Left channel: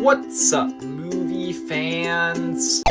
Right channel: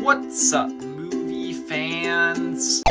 What's up, movie fans?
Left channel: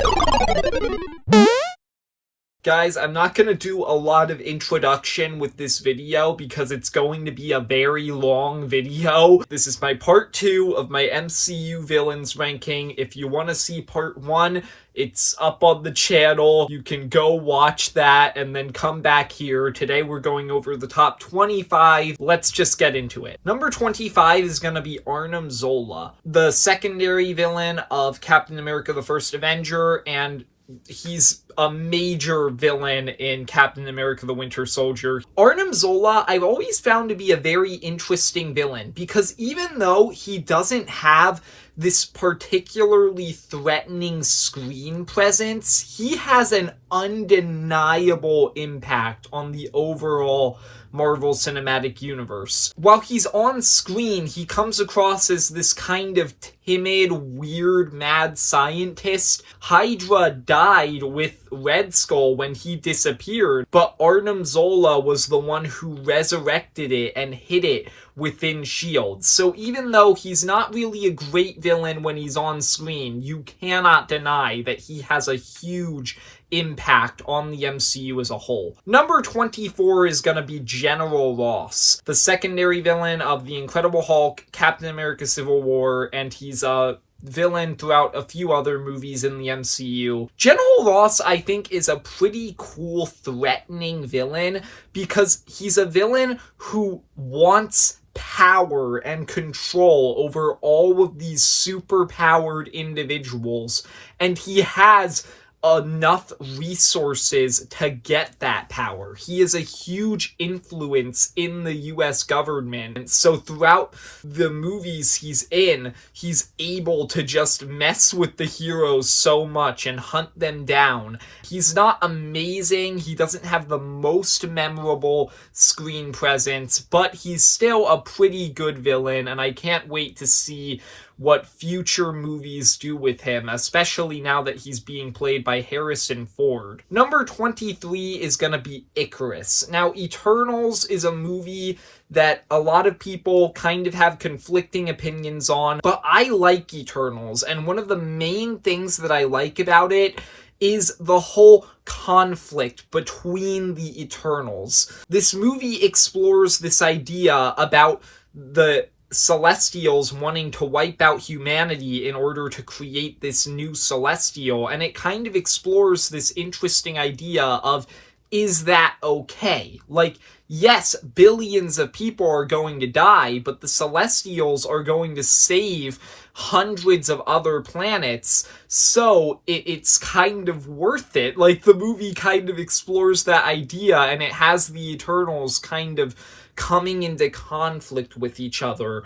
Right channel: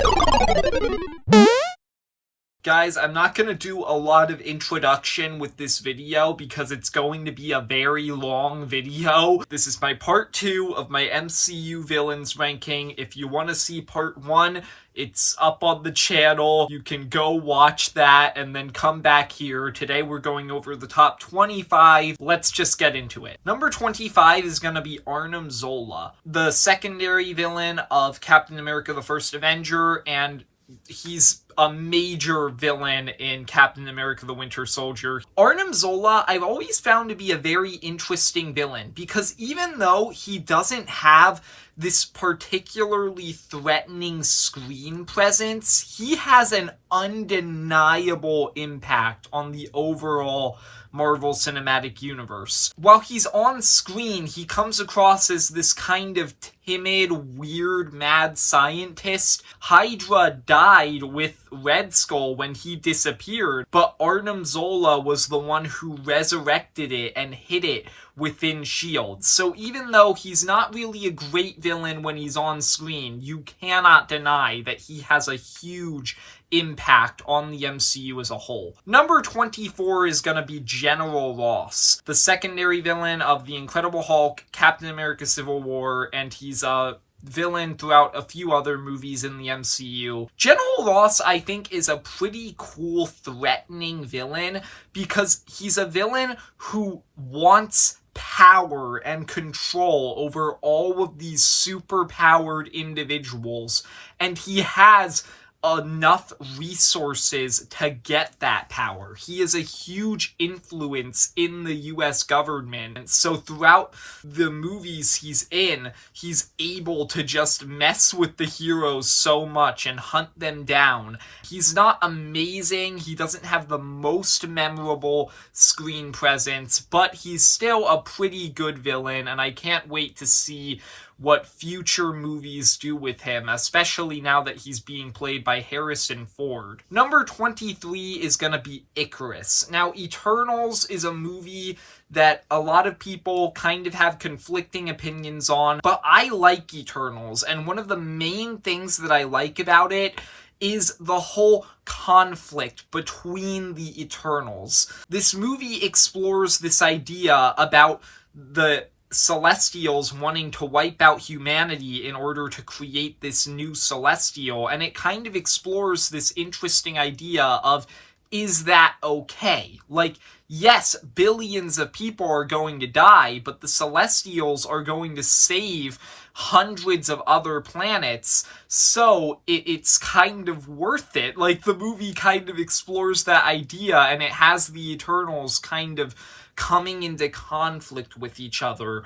Guys, I'm not going to do a lot of introduction with this video because it's going to be a very long video. This is my part 2 of my MCU villains ranking. If you want to see part 1, it's up on the channel. You can go watch that and then come back here. Today we're going over the top 25. Let's just get into it. Number 25 is going to be Arnim Zola, the secondary villain of Captain America: The First Avenger, and he's a major villain in Captain America: The Winter Soldier. Arnim Zola, I've always found to be a very interesting villain because even though he doesn't have this particularly threatening screen presence, he has an undeniable impact on the overall Marvel Cinematic Universe. While he's on screen, he comes across as this kind of timid, weird, mad scientist. Hydra died with Red Skull when he disappeared, but Arnim Zola was the one who resurrected it and hid it within S.H.I.E.L.D. So even though he's not really a great villain when he's on screen, you cannot deny that he has a huge impact on the MCU as a whole. Number 24 is going to be General Ross, the secondary villain of The Incredible Hulk, Captain America: Civil War, and he's a villain throughout a few other movies in the MCU. General Ross, I think, is a pretty cool, threatening villain because he's a villain who wants power and control over all of these super-powered individuals, and he has enough resources to get that power. He is a huge influence in the US government. So throughout the movies he's in, he's able to just mess with the heroes so much and hunt them down. He's not amazing. He doesn't have the most memorable screen presence, but he's still a pretty good villain, and I can't wait to see what future movies do with him, especially now that he's being played by Harrison Ford. Number 23 is gonna be Icarus. Now, Eternals is a movie that a lot of people kind of have conflicting opinions on, but I like Eternals, and one of the main things that I like about it is the whole conflict between the Eternals. This movie explores this idea about the Celestials wanting to wipe out humanity in order to create this new Celestial, and it kind of explores this interesting idea of, is that okay? Like, yes, billions of people are going to die, but the Celestials are going to save hundreds of other planets, so it's kind of worth it. Like, the movie kind of explores that idea, and it has the Eternals kind of coming into conflict with each other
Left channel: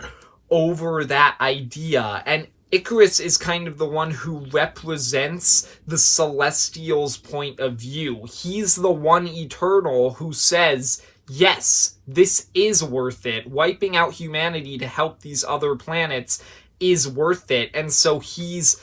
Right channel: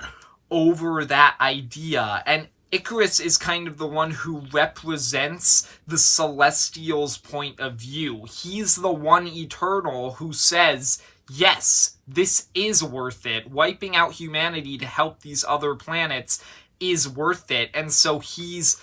over that idea. And Icarus is kind of the one who represents the Celestials' point of view. He's the one Eternal who says, yes, this is worth it. Wiping out humanity to help these other planets is worth it. And so he's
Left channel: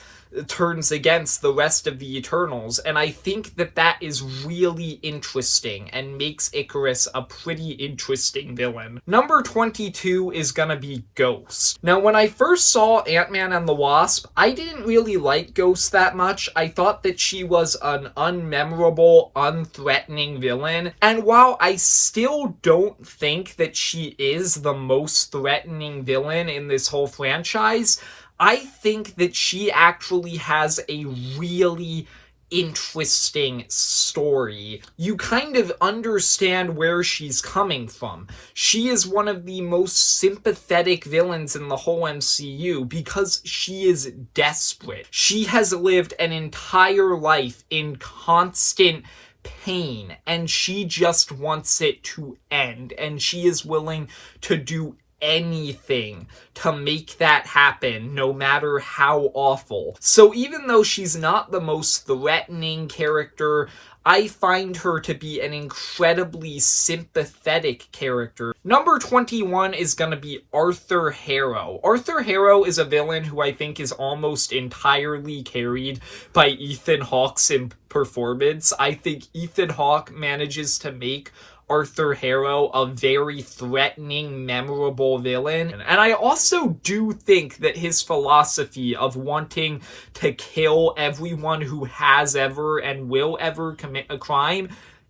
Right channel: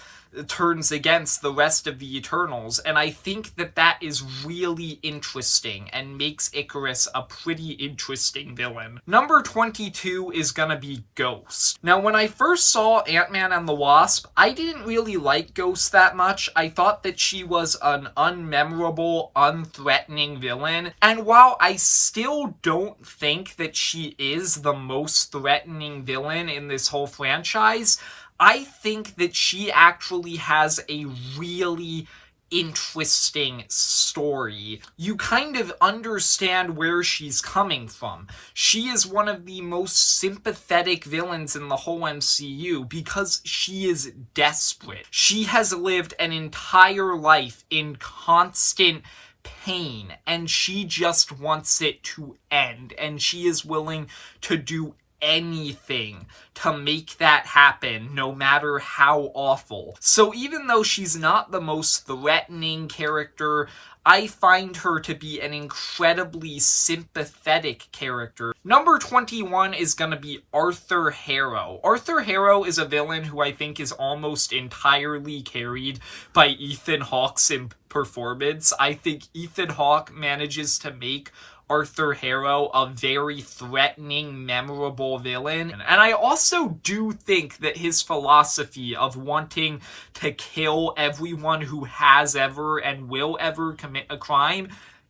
turns against the rest of the Eternals, and I think that that is really interesting and makes Icarus a pretty interesting villain. Number 22 is gonna be Ghost. Now, when I first saw Ant-Man and the Wasp, I didn't really like Ghost that much. I thought that she was an unmemorable, unthreatening villain, and while I still don't think that she is the most threatening villain in this whole franchise, I think that she actually has a really interesting story. You kind of understand where she's coming from. She is one of the most sympathetic villains in the whole MCU because she is desperate. She has lived an entire life in constant pain, and she just wants it to end, and she is willing to do anything to make that happen, no matter how awful. So even though she's not the most threatening character, I find her to be an incredibly sympathetic character. Number 21 is going to be Arthur Harrow. Arthur Harrow is a villain who I think is almost entirely carried by Ethan Hawke's performance. I think Ethan Hawke manages to make Arthur Harrow a very threatening, memorable villain. And I also do think that his philosophy of wanting to kill everyone who has ever and will ever commit a crime,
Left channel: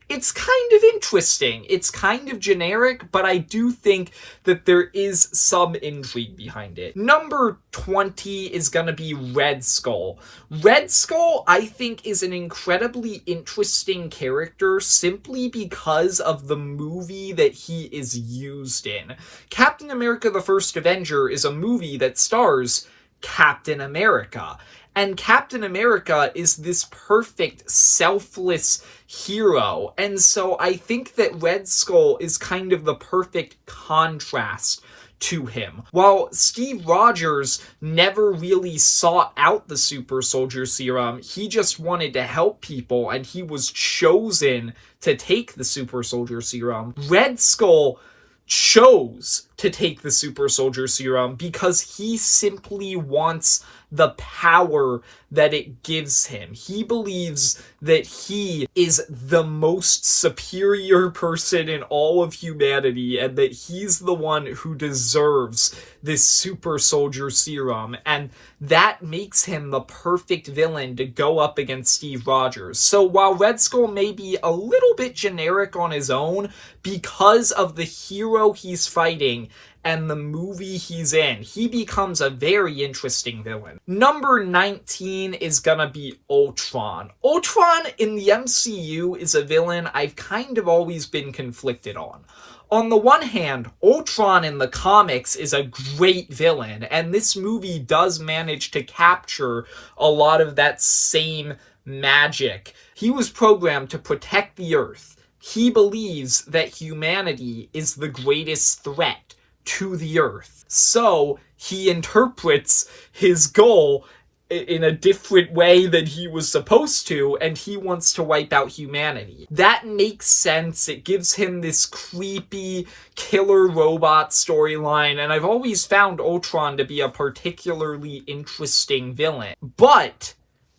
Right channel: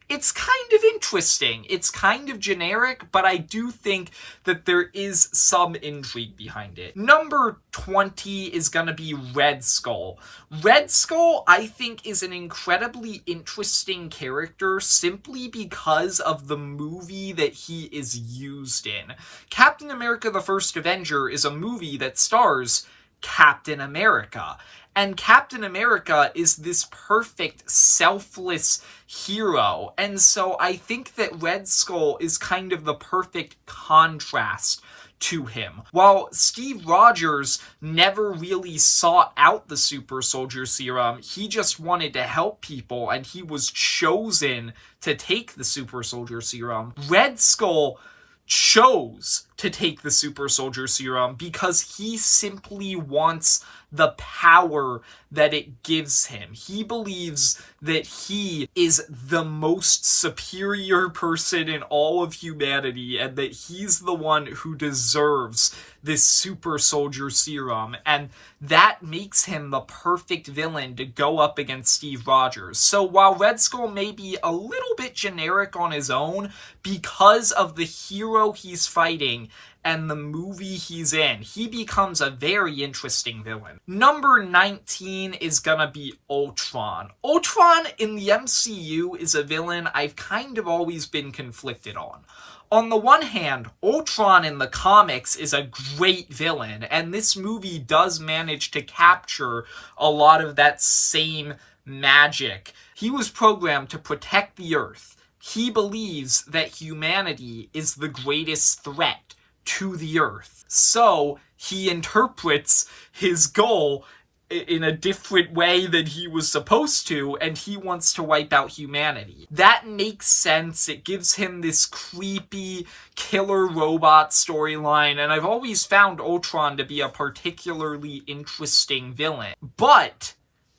it's kind of interesting. It's kind of generic, but I do think that there is some intrigue behind it. Number 20 is gonna be Red Skull. Red Skull, I think, is an incredibly interesting character simply because of the movie that he is used in. Captain America: The First Avenger is a movie that stars Captain America. And Captain America is this perfect, selfless hero. And so I think that Red Skull is kind of the perfect contrast to him. While Steve Rogers never really sought out the super soldier serum, he just wanted to help people and he was chosen to take the super soldier serum. Red Skull chose to take the super soldier serum because he simply wants the power that it gives him. He believes that he is the most superior person in all of humanity and that he's the one who deserves this super soldier serum, and that makes him the perfect villain to go up against Steve Rogers. So while Red Skull may be a little bit generic on his own, because of the hero he's fighting and the movie he's in, he becomes a very interesting villain. Number 19 is gonna be Ultron. Ultron in the MCU is a villain I've kind of always been conflicted on. On the one hand, Ultron in the comics is a great villain, and this movie does manage to capture a lot of that same magic. He was programmed to protect the Earth. He believes that humanity is the greatest threat to the Earth. So he interprets his goal in a different way than he was supposed to, and he wants to wipe out humanity. That makes sense. It gives him this creepy killer robot storyline, and I've always found Ultron to be a particularly interesting villain. But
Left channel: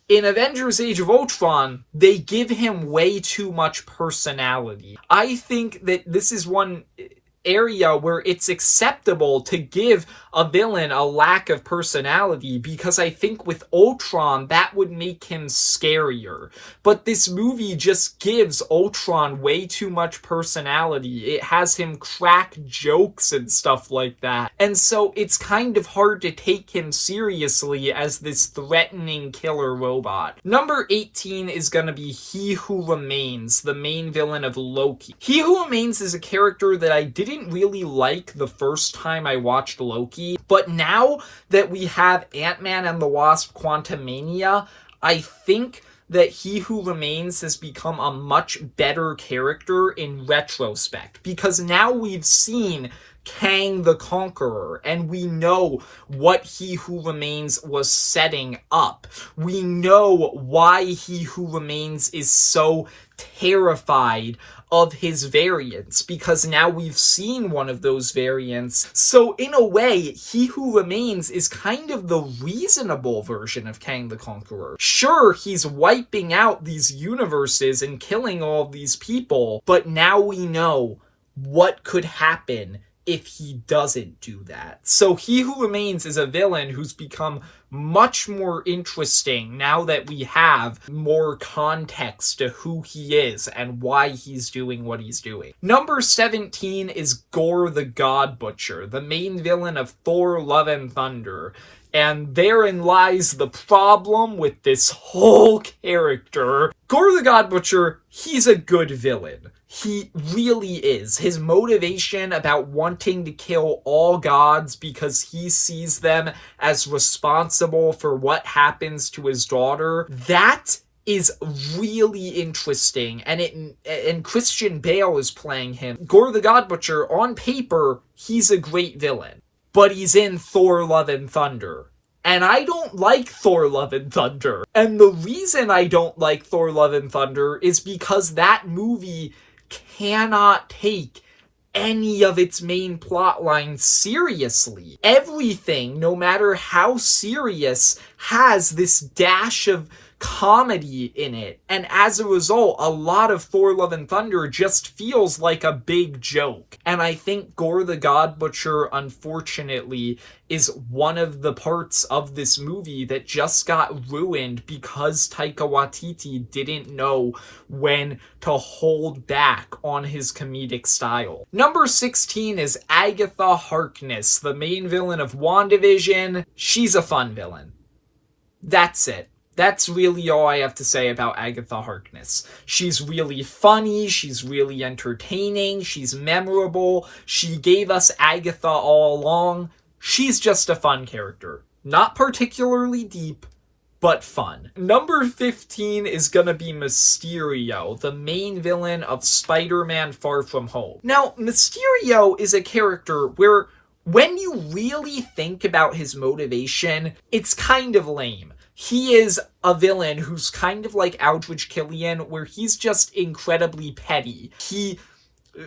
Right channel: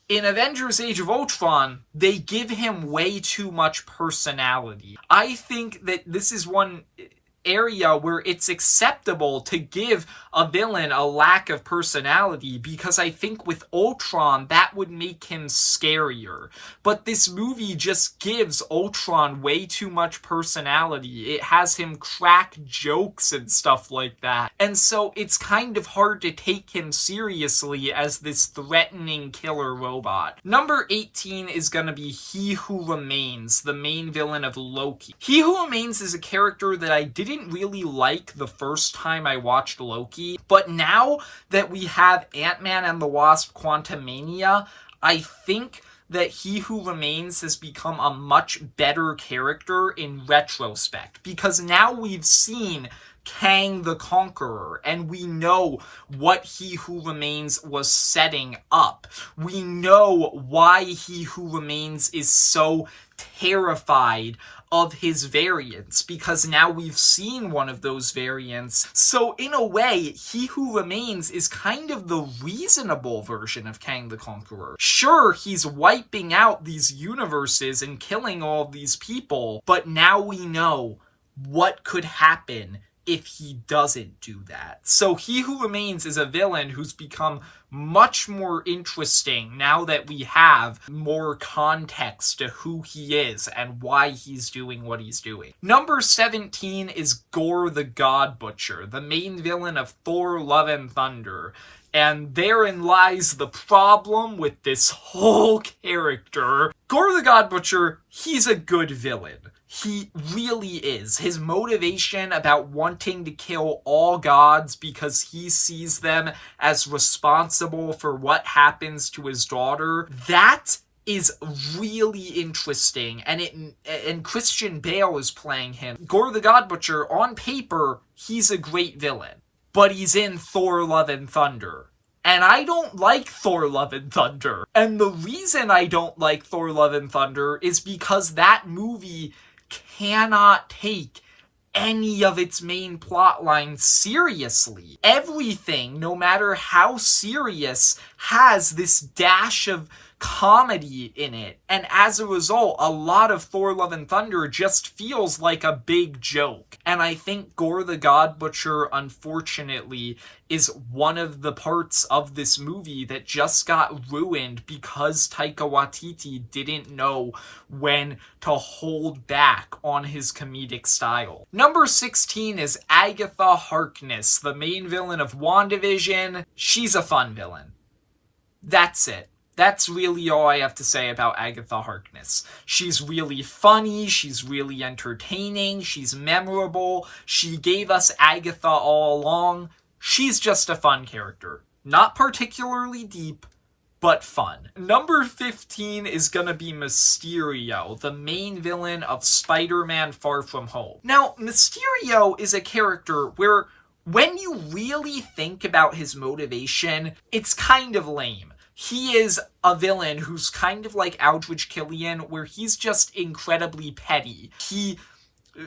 in Avengers Age of Ultron, they give him way too much personality. I think that this is one area where it's acceptable to give a villain a lack of personality, because I think with Ultron that would make him scarier. But this movie just gives Ultron way too much personality. It has him crack jokes and stuff like that. And so it's kind of hard to take him seriously as this threatening killer robot. Number 18 is gonna be He Who Remains, the main villain of Loki. He Who Remains is a character that I didn't really like the first time I watched Loki, but now that we have Ant-Man and the Wasp: Quantumania, I think that He Who Remains has become a much better character in retrospect, because now we've seen Kang the Conqueror, and we know what He Who Remains was setting up. We know why He Who Remains is so terrified of his variants, because now we've seen one of those variants. So in a way, He Who Remains is kind of the reasonable version of Kang the Conqueror. Sure, he's wiping out these universes and killing all of these people, but now we know what could happen if he doesn't do that. So He Who Remains is a villain who's become much more interesting now that we have more context to who he is and why he's doing what he's doing. Number 17 is Gore the God Butcher, the main villain of Thor: Love and Thunder. And therein lies the problem with this whole character. Gore the God Butcher, he's a good villain. He really is. His motivation about wanting to kill all gods because he sees them as responsible for what happens to his daughter, that is really interesting. And Christian Bale is playing him. Gore the God Butcher, on paper, he's a great villain, but he's in Thor: Love and Thunder. And I don't like Thor: Love and Thunder. And the reason I don't like Thor: Love and Thunder is because that movie cannot take any of its main plot lines seriously. Everything, no matter how serious, has this dash of comedy in it. And as a result, a lot of Thor Love and Thunder just feels like a big joke. And I think Gore the God Butcher, unfortunately, is one of the parts of this movie that just got ruined because Taika Waititi didn't know when to hold back on his comedic style. Number 16 is Agatha Harkness, the main villain of WandaVision. She's a fun villain. That's it. That's really all I have to say about Agatha Harkness. She's really funny, she's really entertaining, she's memorable, she gave us Agatha all along. She's just a fun character. Not particularly deep, but fun. Number 15 is gonna be Mysterio, the main villain of Spider-Man Far From Home. Now, Mysterio is a character where when you really think about his motivation, it's kind of lame. He is a villain who's kind of like Aldrich Killian, where he's just incredibly petty. He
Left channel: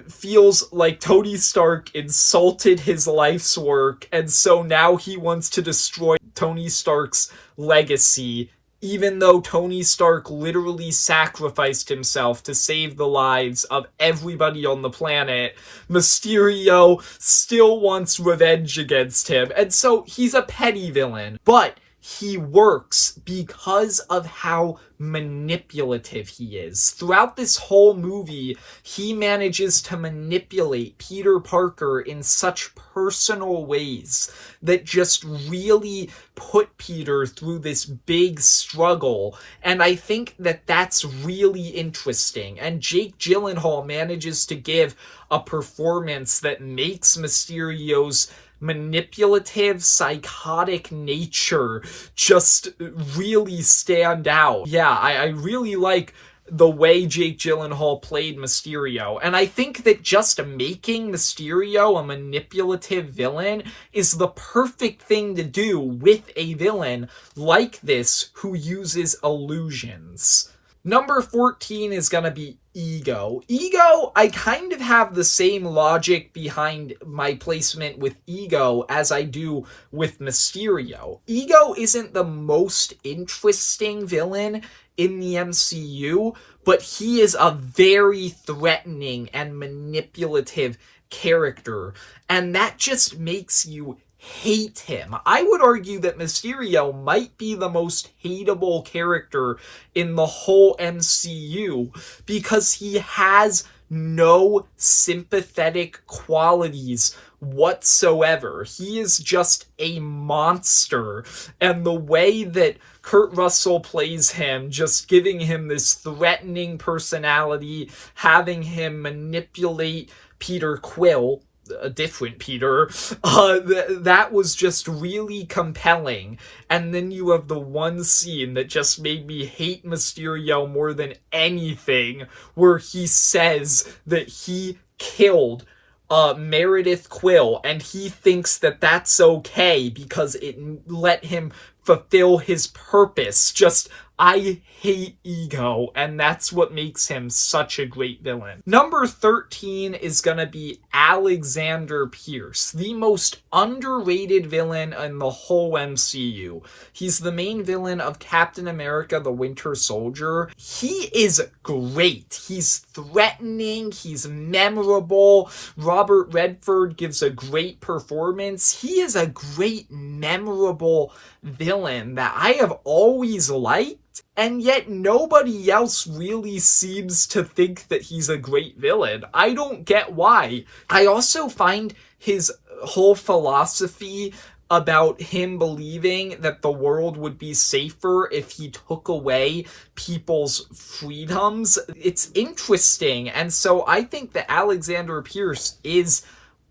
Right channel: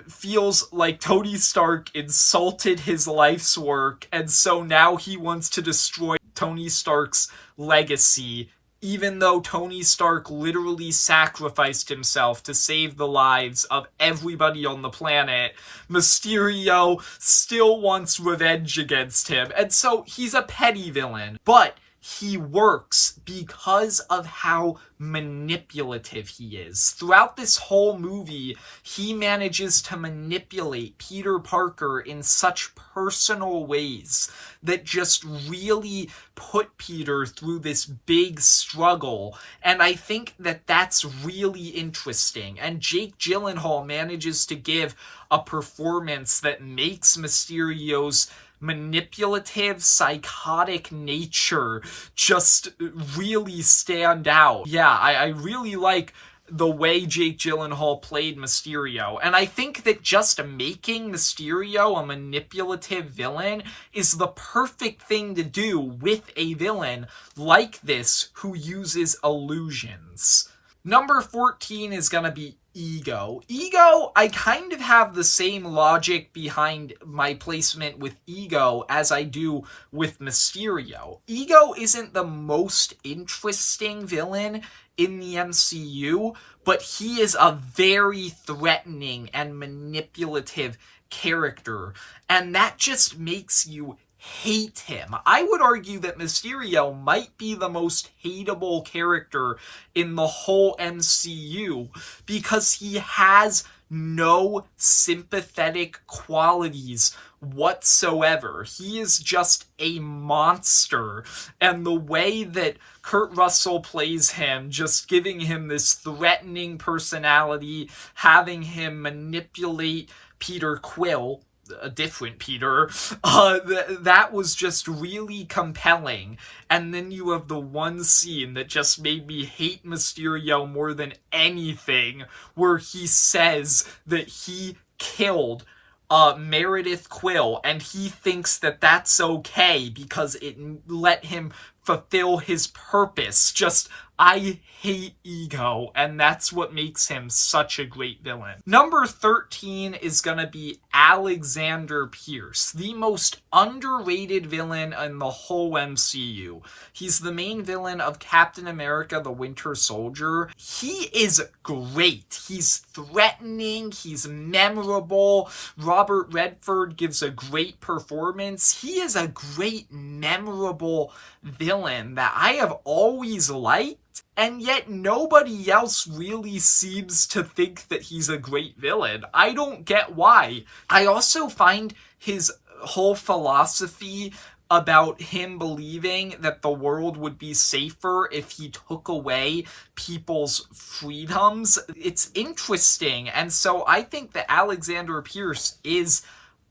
feels like Tony Stark insulted his life's work, and so now he wants to destroy Tony Stark's legacy, even though Tony Stark literally sacrificed himself to save the lives of everybody on the planet. Mysterio still wants revenge against him, and so he's a petty villain, but he works because of how manipulative he is. Throughout this whole movie, he manages to manipulate Peter Parker in such personal ways that just really put Peter through this big struggle. And I think that that's really interesting. And Jake Gyllenhaal manages to give a performance that makes Mysterio's manipulative, psychotic nature just really stand out. Yeah, I really like the way Jake Gyllenhaal played Mysterio. And I think that just making Mysterio a manipulative villain is the perfect thing to do with a villain like this who uses illusions. Number 14 is gonna be Ego. Ego, I kind of have the same logic behind my placement with Ego as I do with Mysterio. Ego isn't the most interesting villain in the MCU, but he is a very threatening and manipulative character, and that just makes you hate him. I would argue that Mysterio might be the most hateable character in the whole MCU because he has no sympathetic qualities whatsoever. He is just a monster, and the way that Kurt Russell plays him, just giving him this threatening personality, having him manipulate Peter Quill, a different Peter, that was just really compelling. And then you have the one scene that just made me hate Mysterio more than anything, where he says that he killed Meredith Quill, and he thinks that that's okay because it let him fulfill his purpose. Just, I hate Ego, and that's what makes him such a great villain. Number 13 is gonna be Alexander Pierce, the most underrated villain in the whole MCU. He's the main villain of Captain America: The Winter Soldier. He is great. He's threatening, he's memorable. Robert Redford gives a great performance. He is a great, memorable villain that I have always liked, and yet nobody else really seems to think that he's a great villain. I don't get why. I also find his whole philosophy about him believing that the world would be safer if he took away people's freedoms, it's interesting. And so I think that Alexander Pierce is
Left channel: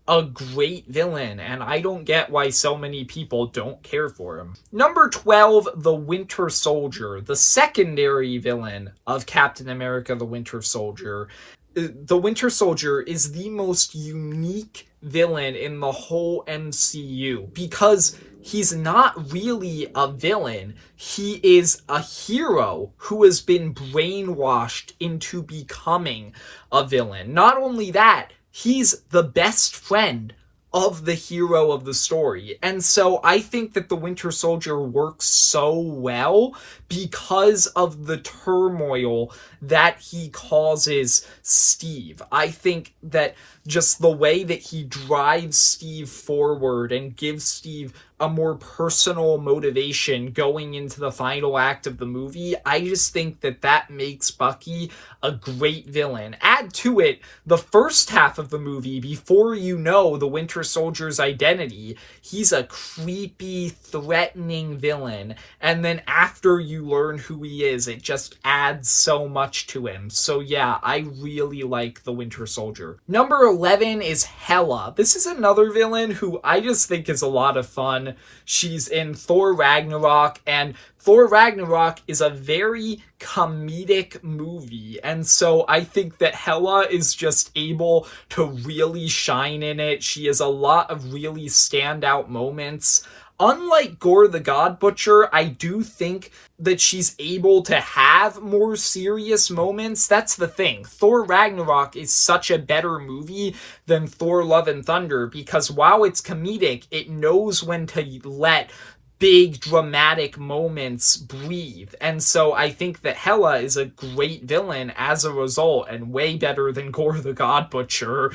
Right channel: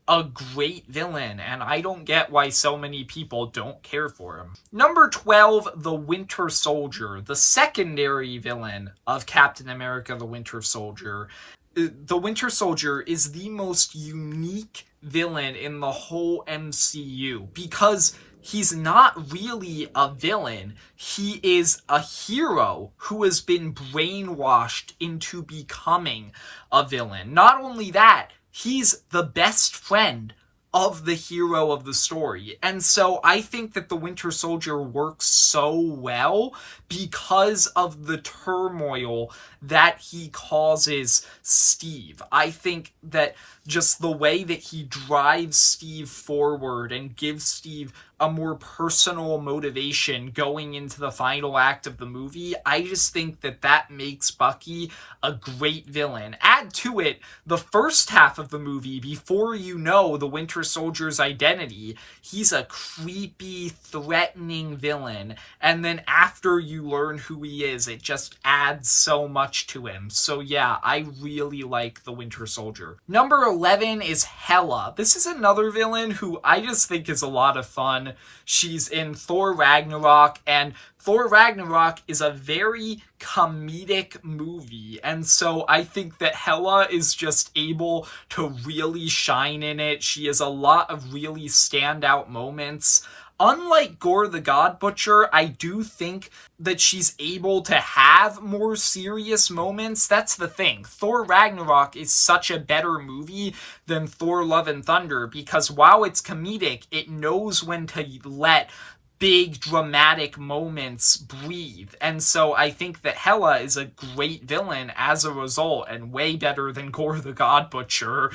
a great villain, and I don't get why so many people don't care for him. Number 12, the Winter Soldier, the secondary villain of Captain America: The Winter Soldier. The Winter Soldier is the most unique villain in the whole MCU because he's not really a villain. He is a hero who has been brainwashed into becoming a villain. Not only that, he's the best friend of the hero of the story. And so I think that the Winter Soldier works so well because of the turmoil that he causes Steve. I think that just the way that he drives Steve forward and gives Steve a more personal motivation going into the final act of the movie, I just think that that makes Bucky a great villain. Add to it the first half of the movie, before you know the Winter Soldier's identity, he's a creepy, threatening villain. And then after you learn who he is, it just adds so much to him. So yeah, I really like the Winter Soldier. Number 11 is Hela. This is another villain who I just think is a lot of fun. She's in Thor Ragnarok, and Thor Ragnarok is a very comedic movie, and so I think that Hela is just able to really shine in it. She has a lot of really standout moments. Unlike Gore the God Butcher, I do think that she's able to have more serious moments. That's the thing. Thor Ragnarok is such a better movie than Thor Love and Thunder, because while it's comedic, it knows when to let big dramatic moments breathe. And so I think that Hela is a great villain as a result, and way better than Gore the God Butcher.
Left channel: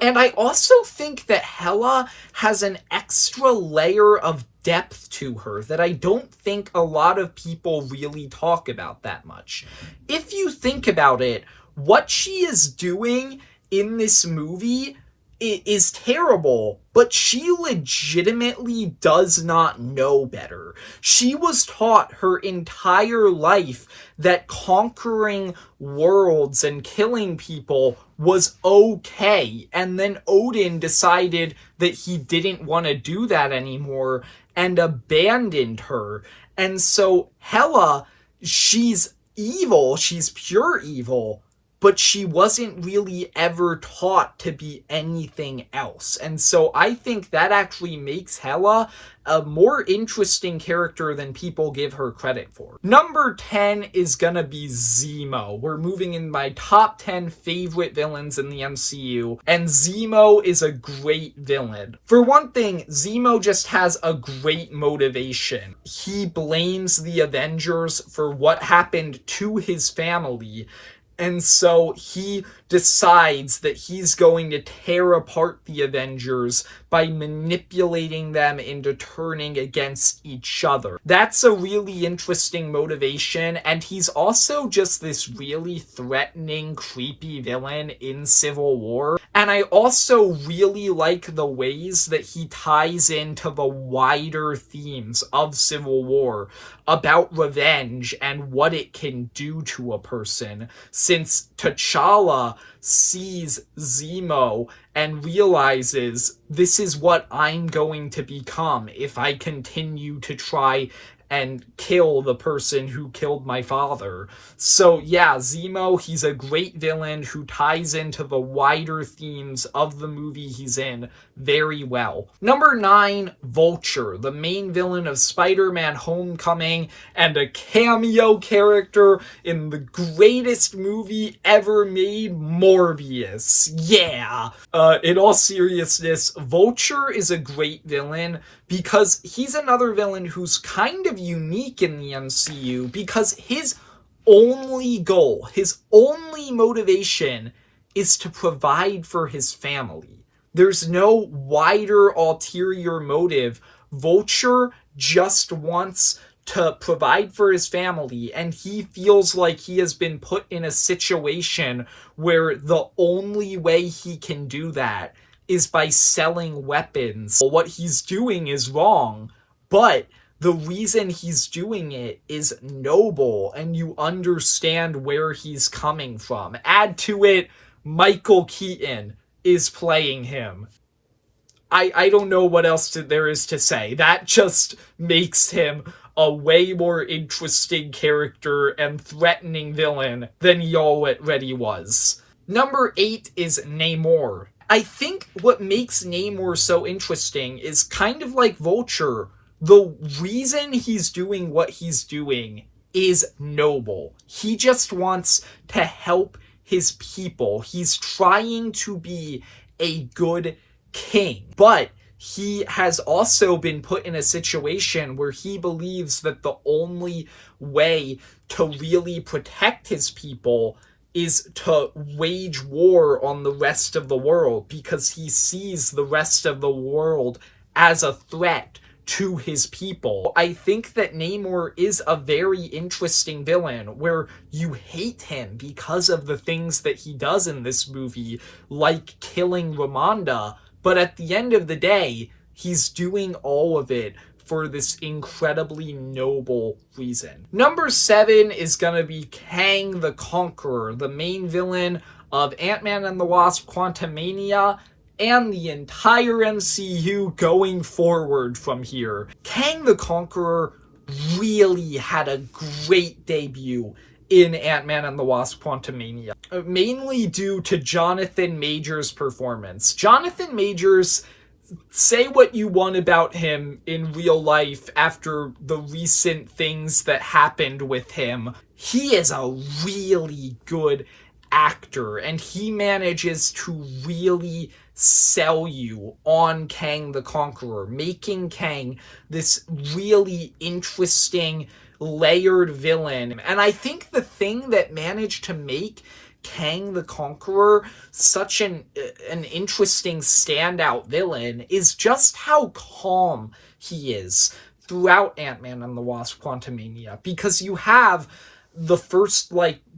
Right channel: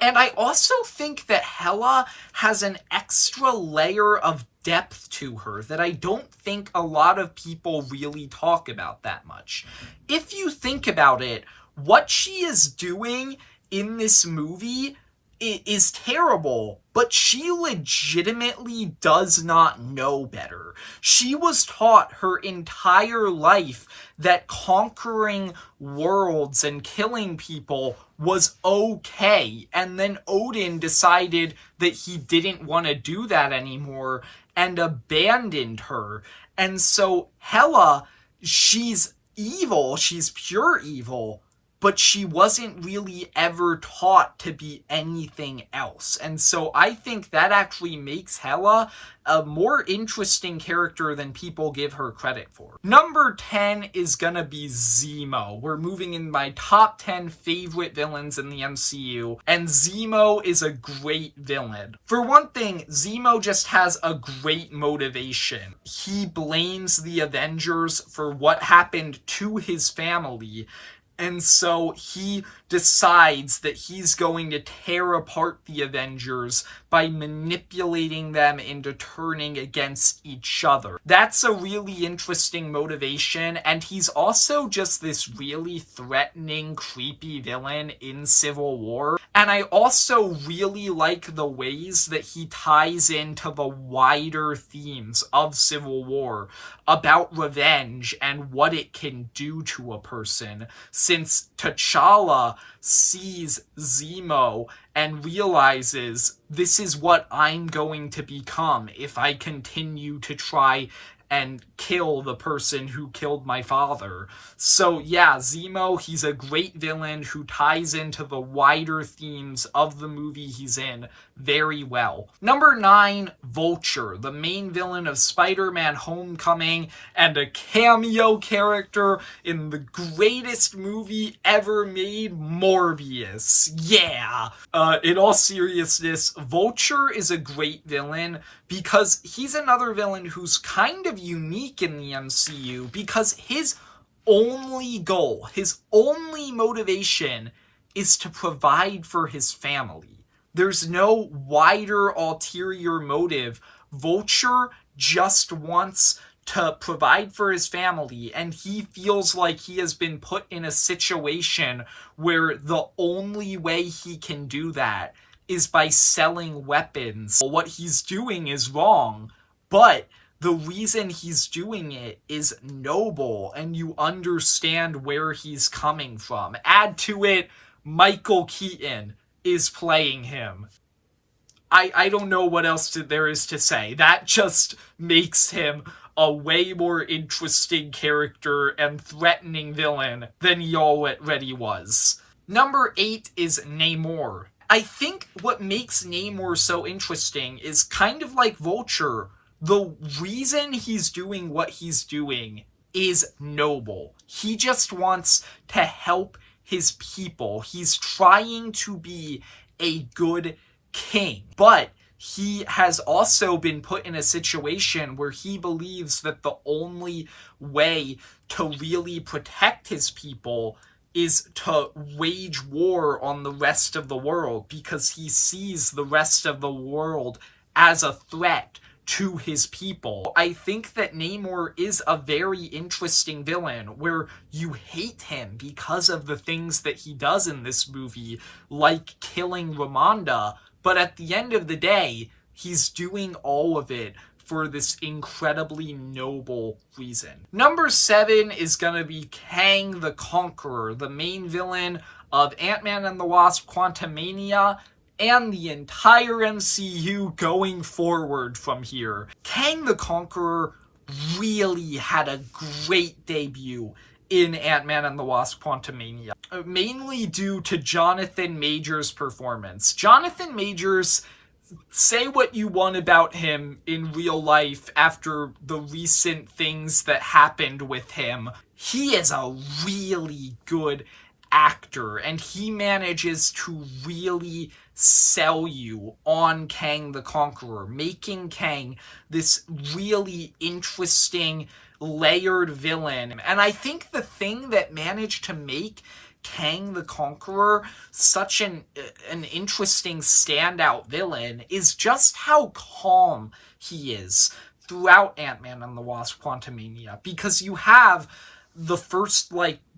And I also think that Hela has an extra layer of depth to her that I don't think a lot of people really talk about that much. If you think about it, what she is doing in this movie is terrible, but she legitimately does not know better. She was taught her entire life that conquering worlds and killing people was okay, and then Odin decided that he didn't want to do that anymore and abandoned her. And so Hela, she's evil, she's pure evil, but she wasn't really ever taught to be anything else. And so I think that actually makes Hela a more interesting character than people give her credit for. Number 10 is gonna be Zemo. We're moving in my top 10 favorite villains in the MCU, and Zemo is a great villain. For one thing, Zemo just has a great motivation. He blames the Avengers for what happened to his family, and so he decides that he's going to tear apart the Avengers by manipulating them into turning against each other. That's a really interesting motivation, and he's also just this really threatening, creepy villain in Civil War. And I also really like the ways that he ties into the wider themes of Civil War about revenge and what it can do to a person, since T'Challa sees Zemo and realizes, this is what I'm going to become if I continue to try and kill the person who killed my father. So yeah, Zemo, he's a great villain who ties into the wider themes of the movie he's in very well. Number 9, Vulture, the main villain of Spider-Man Homecoming and a cameo character in the greatest movie ever made, Morbius. Yeah! In all seriousness, Vulture is a great villain because he's another villain who's kind of unique in the MCU, because his only goal, his only motivation is to provide for his family. There's no wider ulterior motive. Vulture just wants to provide for his family, and he feels like he has been put in a situation where the only way he can do that is by selling weapons. What he's doing is wrong, but the reason he's doing it is noble, and you understand where he's coming from. Add to it, Michael Keaton is playing him. I don't know what else there is to say. That just makes him a way more interesting character and threatening villain than he already was. Number 8 is Namor. I think what makes Namor so interesting is kind of like Vulture. The reason he's doing what he's doing is noble. He just wants to help his people. He's trying to be a good king. But he has also been put in a situation where he believes that the only way to really protect his people is to wage war on the rest of the world, because he sees the rest of the world as a threat to his people. I think that Namor is a very interesting villain, where you hate him because of the things that he does in this movie, like killing Ramonda, but at the end of the day, he's doing all of it for this incredibly noble reason. Number 7 is gonna be Kang the Conqueror, the main villain of Ant-Man and the Wasp: Quantumania, and the entire MCU going forward from here. Kang the Conqueror really had a great debut in Ant-Man and the Wasp: Quantumania, mainly due to Jonathan Majors' performance. Jonathan Majors, say what you want about him in real life after the recent things that happened with him, he is a really good actor, and he manages to really sell you on Kang the Conqueror, making Kang this really interesting, layered villain. And I think the thing that managed to make Kang the Conqueror such an interesting standout villain is just how calm he is throughout Ant-Man and the Wasp: Quantumania, because you have the first,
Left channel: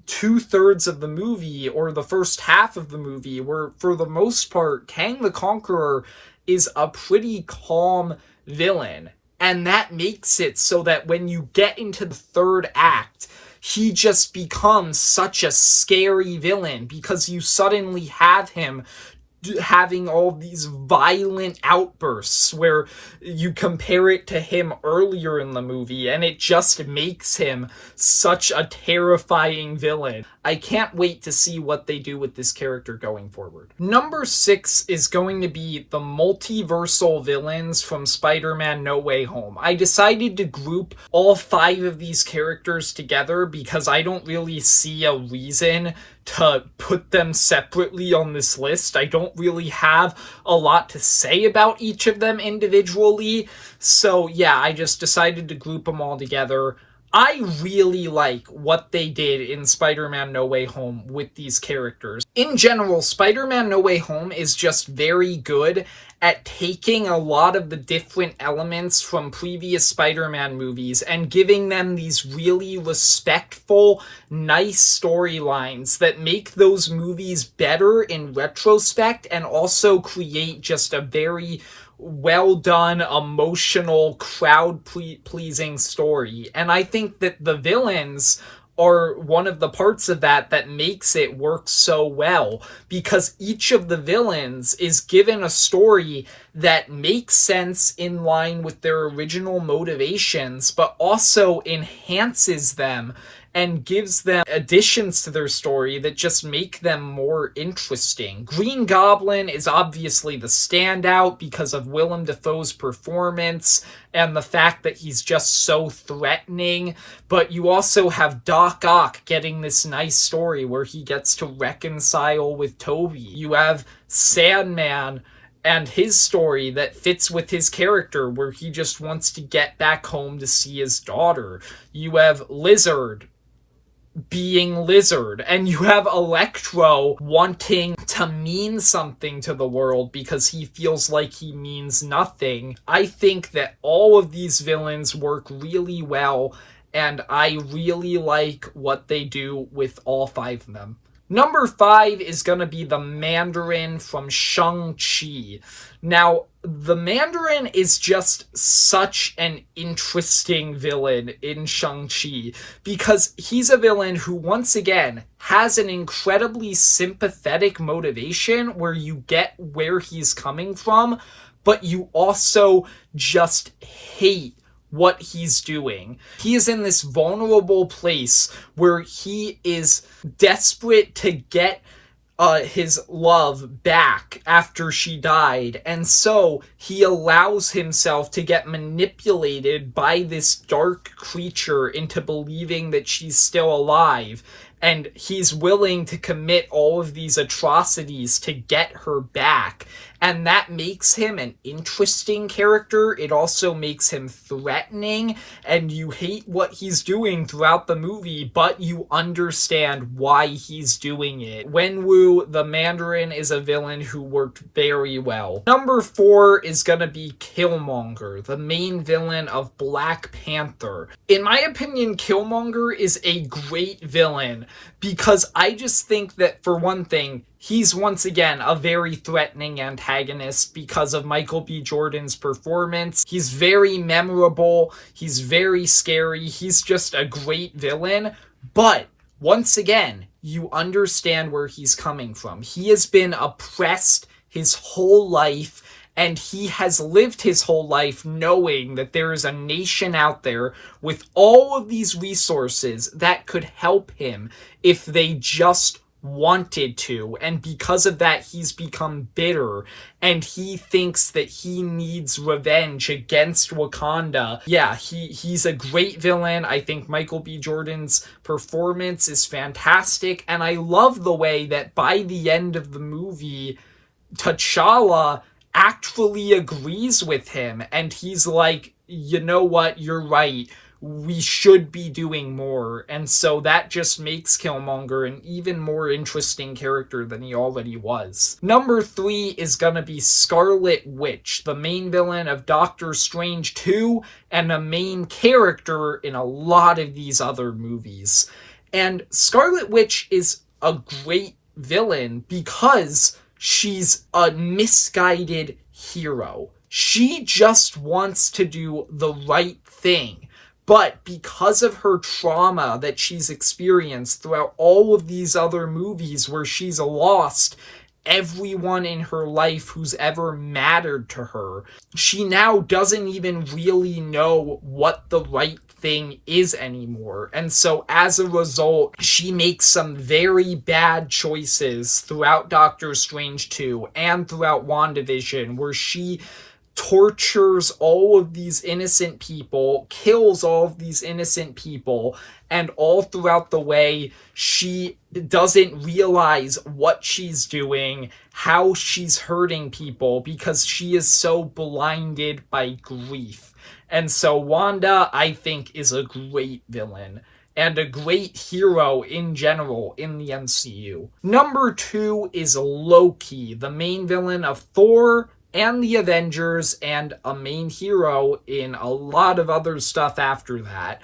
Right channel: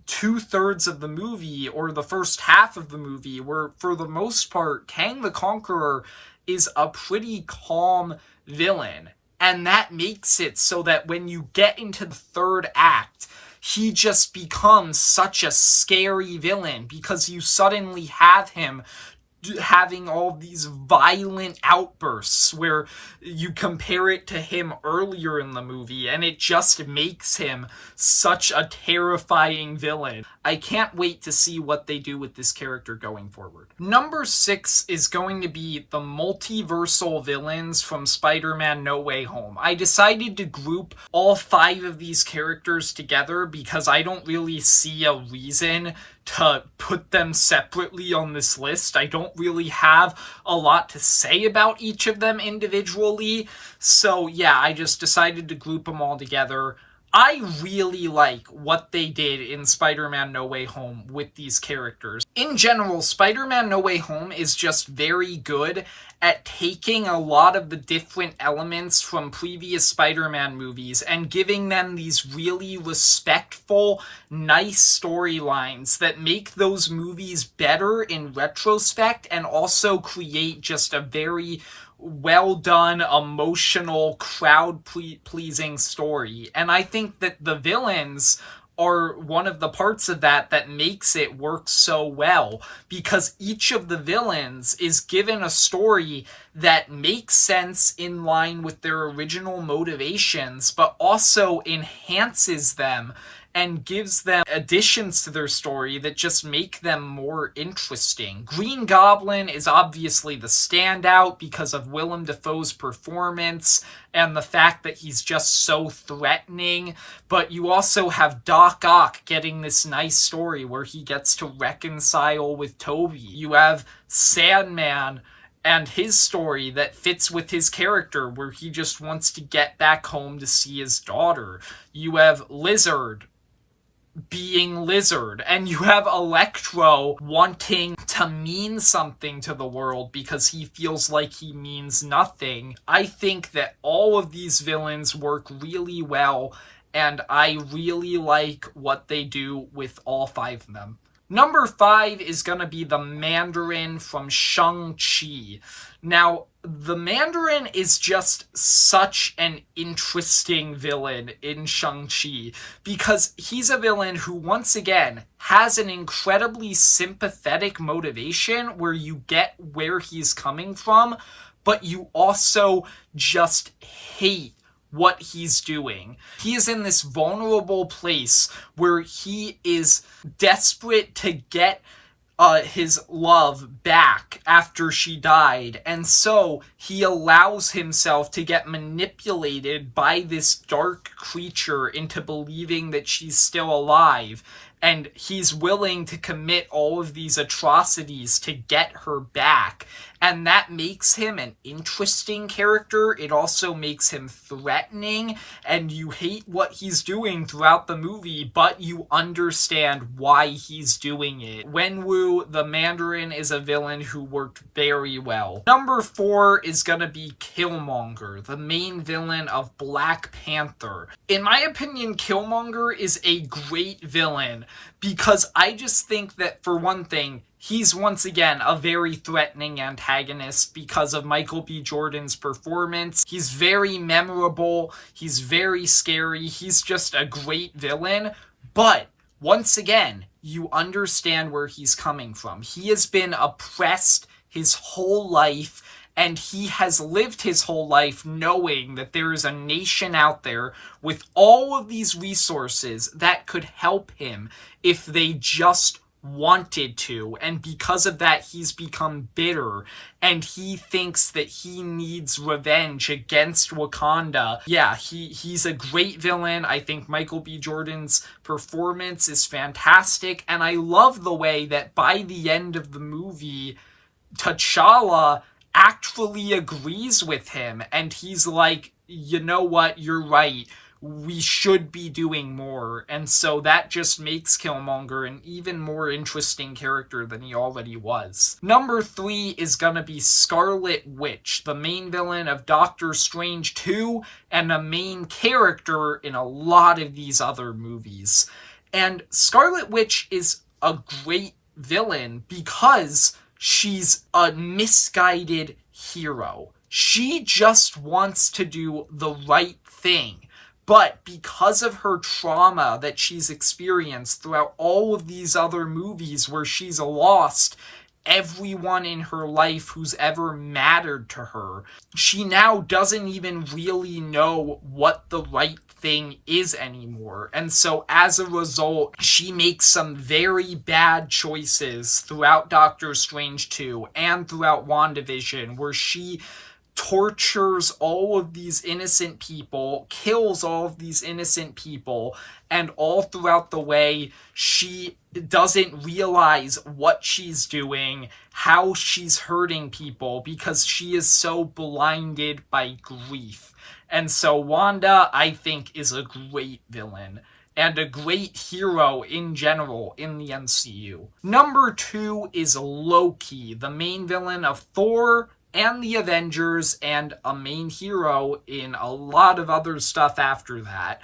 2/3 of the movie, or the first half of the movie, where for the most part Kang the Conqueror is a pretty calm villain, and that makes it so that when you get into the third act, he just becomes such a scary villain, because you suddenly have him having all these violent outbursts where you compare it to him earlier in the movie, and it just makes him such a terrifying villain. I can't wait to see what they do with this character going forward. Number 6 is going to be the multiversal villains from Spider-Man No Way Home. I decided to group all 5 of these characters together because I don't really see a reason to put them separately on this list. I don't really have a lot to say about each of them individually, so yeah, I just decided to group them all together. I really like what they did in Spider-Man No Way Home with these characters. In general, Spider-Man No Way Home is just very good at taking a lot of the different elements from previous Spider-Man movies and giving them these really respectful, nice storylines that make those movies better in retrospect, and also create just a very well done, emotional, crowd-pleasing story. And I think that the villains are one of the parts of that makes it work so well, because each of the villains is given a story that makes sense in line with their original motivations, but also enhances them and gives them additions to their story that just make them more interesting. Green Goblin is obviously the standout because of Willem Dafoe's performance and the fact that he's just so threatening, but you also have Doc Ock getting this nice story where he gets to reconcile with Toby. You have Sandman and his story that fits with his character, where he just wants to get back home to see his daughter. You have Lizard being Lizard, and you have Electro wanting to mean something to the world because he feels like he means nothing. I think that all of these villains work really well, and I really like what they do with all 5 of them. Number 5 is going to be the Mandarin from Shang-Chi. Now, the Mandarin is just such an interesting villain in Shang-Chi, because he's a villain who, once again, has an incredibly sympathetic motivation where you get where he's coming from, but you also just hate what he's doing. He is in this vulnerable place where he is desperate to get his love back after she died, and so he allows himself to get manipulated by this dark creature into believing that she's still alive. and he's willing to commit all of these atrocities to get her back. And that makes him an interesting character. It also makes him threatening, and you hate what he's doing throughout the movie, but you understand why he's doing it. Wenwu, the Mandarin, is a villain who worked very well. Number 4 is gonna be Killmonger, the main villain of Black Panther. In my opinion, Killmonger is a great villain because I just think that, for one thing, he's once again a very threatening antagonist because of Michael B. Jordan's performance. He's very memorable, he's very scary, he's just a great villain, but once again, you understand where he's coming from. He has been oppressed his whole life, and he has lived his whole life knowing that there is a nation out there with all of these resources that could help him if they just wanted to. And because of that, he's become bitter, and he thinks that he needs revenge against Wakanda. Yeah, he's a great villain. I think Michael B. Jordan's performance is fantastic, and I love the way that by the end of the movie, T'Challa actually agrees with him, and he's like, you know what, you're right, we should be doing more. And so that just makes Killmonger an even more interesting character than he already was. Number 3 is gonna be Scarlet Witch, the main villain of Doctor Strange 2 and a main character in a lot of these other movies. And Scarlet Witch is a great villain because she's a misguided hero. She just wants to do the right thing. But because of her trauma that she's experienced throughout all of these other movies where she's lost everyone in her life who's ever mattered to her, she now doesn't even really know what the right thing is anymore. And so as a result, she makes some very bad choices throughout Doctor Strange 2 and throughout WandaVision, where she tortures all of these innocent people, kills all of these innocent people, and all throughout the way, she doesn't realize what she's doing, how she's hurting people, because she is so blinded by grief. And so Wanda, I think, is a great villain and a great hero in general in the MCU. Number 2 is Loki, the main villain of Thor and the Avengers, and a main hero in a lot of other stuff after that.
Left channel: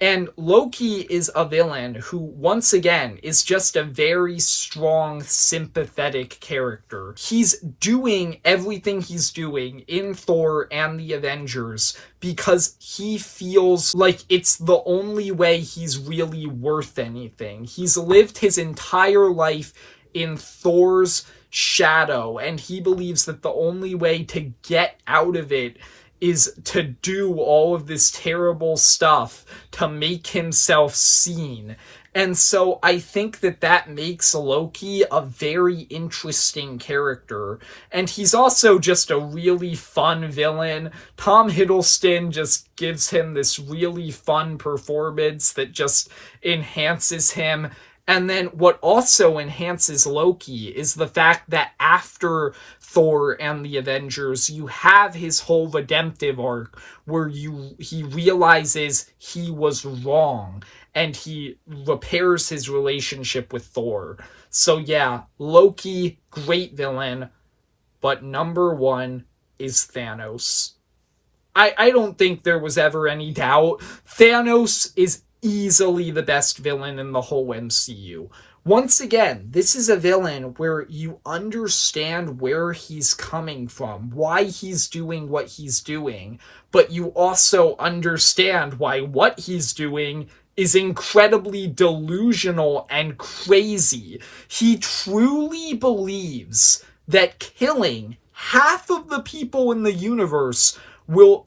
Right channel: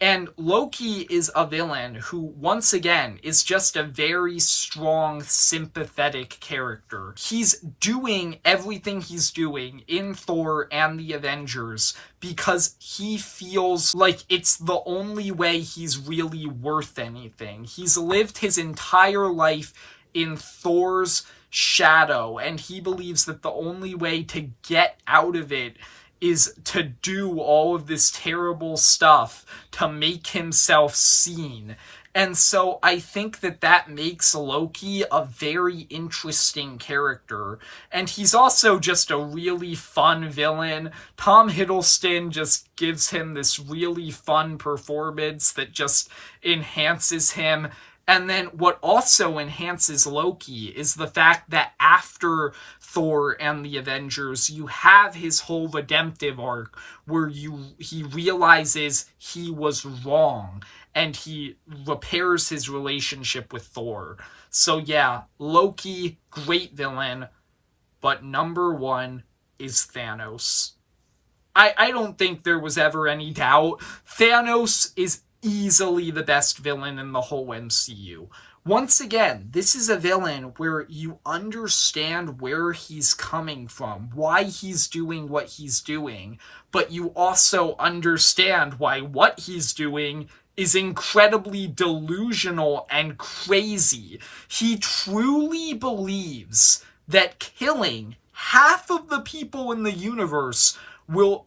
And Loki is a villain who, once again, is just a very strong, sympathetic character. He's doing everything he's doing in Thor and the Avengers because he feels like it's the only way he's really worth anything. He's lived his entire life in Thor's shadow, and he believes that the only way to get out of it is to do all of this terrible stuff to make himself seen. And so I think that that makes Loki a very interesting character. And he's also just a really fun villain. Tom Hiddleston just gives him this really fun performance that just enhances him. And then what also enhances Loki is the fact that after Thor and the Avengers, you have his whole redemptive arc where he realizes he was wrong and he repairs his relationship with Thor. So yeah, Loki, great villain, but number 1 is Thanos. I don't think there was ever any doubt. Thanos is easily the best villain in the whole MCU. Once again, this is a villain where you understand where he's coming from, why he's doing what he's doing, but you also understand why what he's doing is incredibly delusional and crazy. He truly believes that killing half of the people in the universe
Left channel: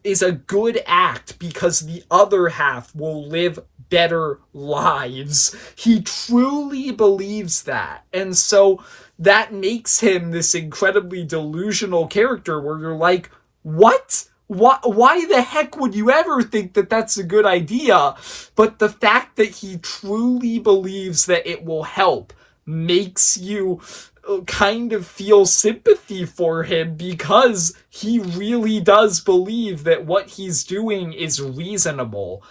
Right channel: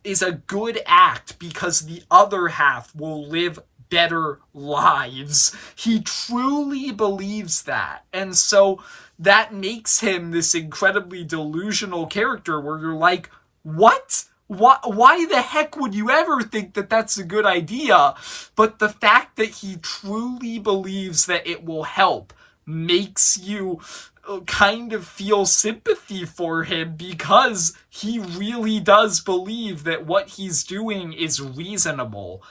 is a good act because the other half will live better lives. He truly believes that. And so that makes him this incredibly delusional character where you're like, what? Why the heck would you ever think that that's a good idea? But the fact that he truly believes that it will help makes you kind of feel sympathy for him, because he really does believe that what he's doing is reasonable.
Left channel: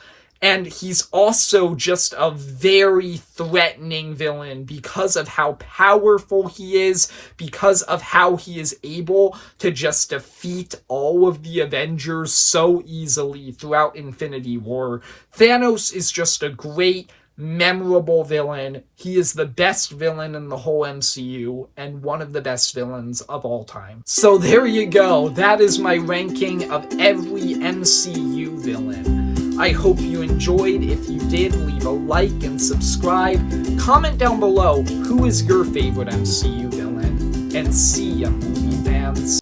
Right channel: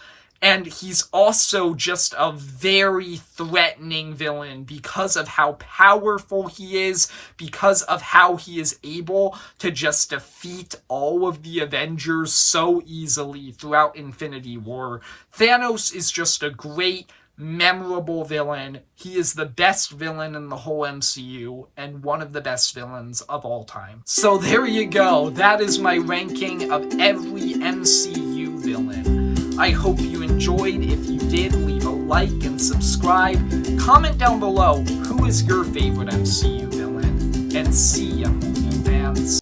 And he's also just a very threatening villain because of how powerful he is, because of how he is able to just defeat all of the Avengers so easily throughout Infinity War. Thanos is just a great, memorable villain. He is the best villain in the whole MCU and one of the best villains of all time. So there you go. That is my ranking of every MCU villain. I hope you enjoyed. If you did, leave a like and subscribe. Comment down below who is your favorite MCU villain. And see ya, movie fans.